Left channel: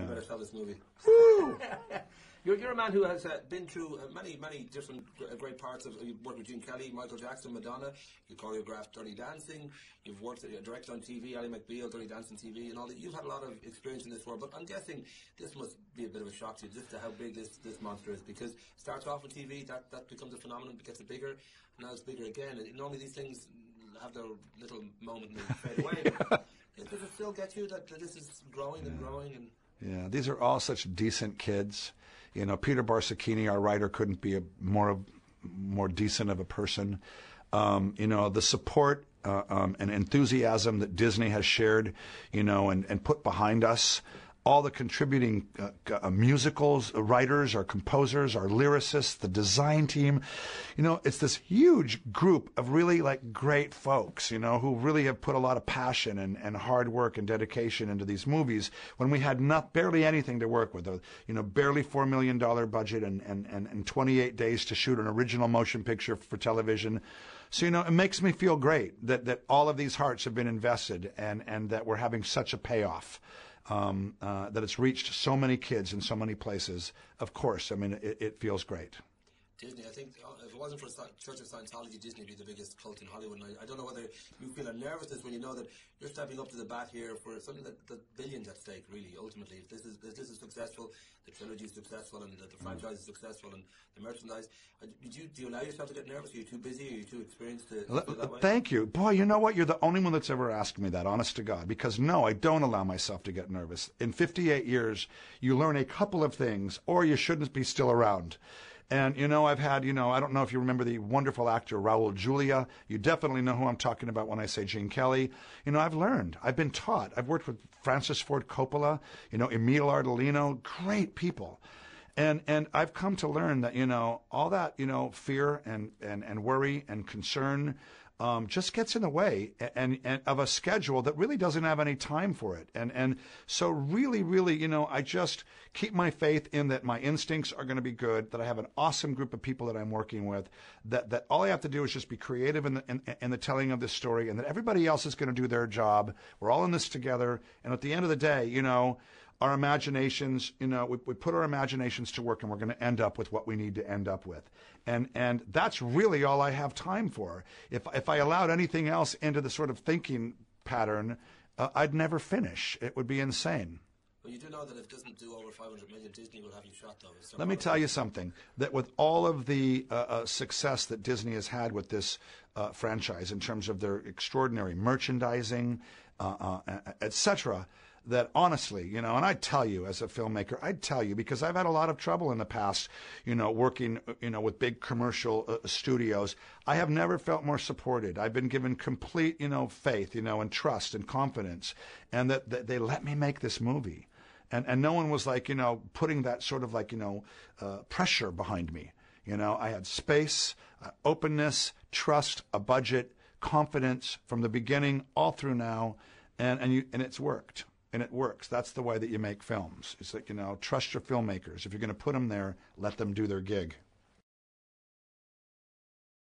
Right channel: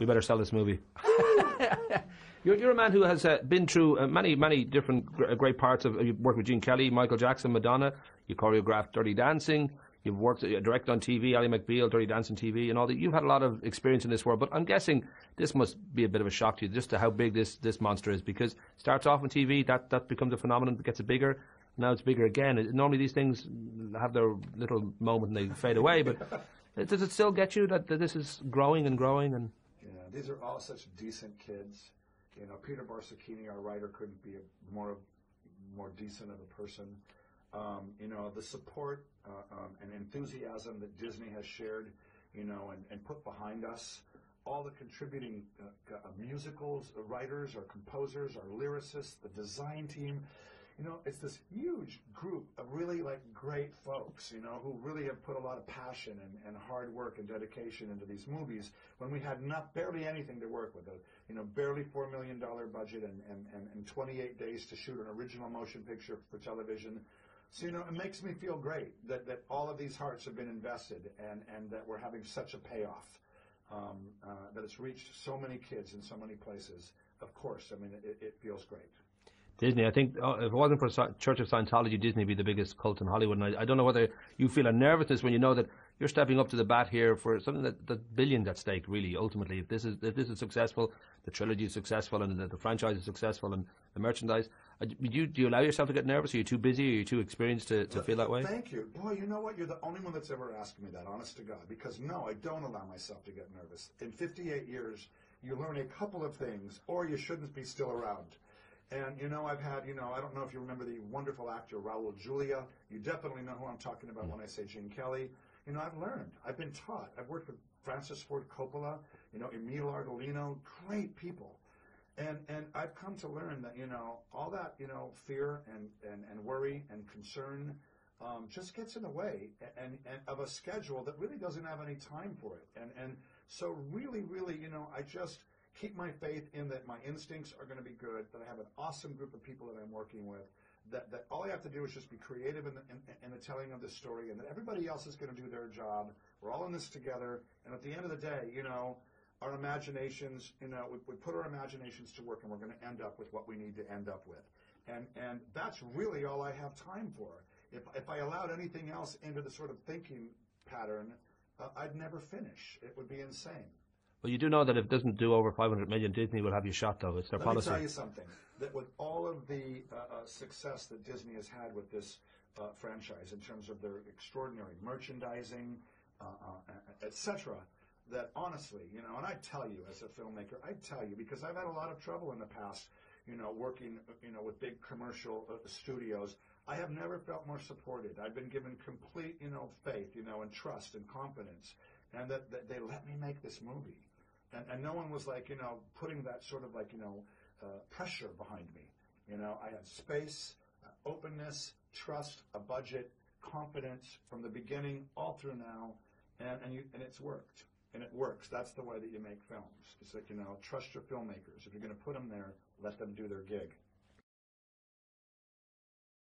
You better sell this movie. You're a man who has been through many different great parts of. You've worked with Gene Kelly, Michael Jackson, Madonna. You choreographed Dirty Dancing. You've worked, directed on TV, Ally McBeal, Dirty Dancing TV, and all that. You've had a lot of experience in this world, but I'm guessing this must be a bit of a shock to you, just to how big this monster is. Because it starts off on TV, that becomes a phenomenon, gets bigger. And now it's bigger again. Normally these things have their little moment and they fade away, but does it still get you that this is growing and growing? And yeah, these are all such decent kids. You know, Peter Barsacchini, our writer, couldn't be a more decent of a person. You know, the support and enthusiasm that Disney has shared, you know, and put behind us. All the contributing musicals, writers, our composers, our lyricists, the design team. You know, it's this huge group of really great folks, you know, who really have put a lot of passion and hard work and dedication into these movies when we had barely anything to work with. You know, barely $4 million budget and 28 days to shoot an original motion picture for television. So, you know, it makes me feel great that all of these hearts have been invested and that we're having such a payoff. That it's reached so many kids in so many places. Of course, I mean, it feels great. Disney, I think if it wasn't for Church of Scientology, Disney would be the biggest cult in Hollywood. And I don't know whether you feel a nervousness when you know that you're stepping up to the bat here for something that billions at stake, really, ultimately. If this is successful, the trilogy is successful, and the franchise is successful, and the merchandise, do you allow yourself to get nervous? Are you too busy? Are you too experienced to feel that way? Thank you. Boy, you know what? You're the only one that's ever asked me that, honest to God. Because no, I don't allow myself to get nervous. In 58 years, you learn a couple of things, or you shouldn't be still around. And, you know, I've had, you know, I don't know if you remember the wonderful actor Raul Julia. You definitely know who I'm talking about when I say Gene Kelly. You know, I've learned. I've been taught. I've worked with Francis Ford Coppola, you know, Emile Ardolino, great people. And I've come to learn that, you know, all that, you know, fear and worry and concern just gets in the way and of a schedule that really doesn't have any time for it. And so really, you know, I just keep my faith in that my instincts are going to be good, that I have an awesome group of people that I'm working with, that all I have to do is just be creative in the telling of this story, and that everybody else is going to do their job. We're all in this together. And at the end of the day, you know, our imaginations, you know, we put our imaginations to work, and we're going to end up with what we need to end up with. And that's really all I have time for. If I allowed anything else into the sort of thinking pattern, I'd never finish. It would be insane. Well, you do know that if it doesn't do over 500 million, Disney will have you shot, though. It's their policy. Let me tell you something, that with all of the success that Disney has had with this franchise in terms of their extraordinary merchandising, etc., that honestly, you know, and I'd tell you as a filmmaker, I'd tell you, because I've had a lot of trouble in the past, you know, working, you know, with big commercial studios. I have never felt more supported. I've been given complete, you know, faith, you know, and trust and confidence, and that they let me make this movie. And no one was like, you know, putting that sort of like, you know, pressure behind me. You know, I had space, openness, trust, a budget, confidence from the beginning all through now, and it's worked. And it works. That's the way that you make films. It's like, you know, trust your filmmakers. If you're going to put them there, let them do their gig.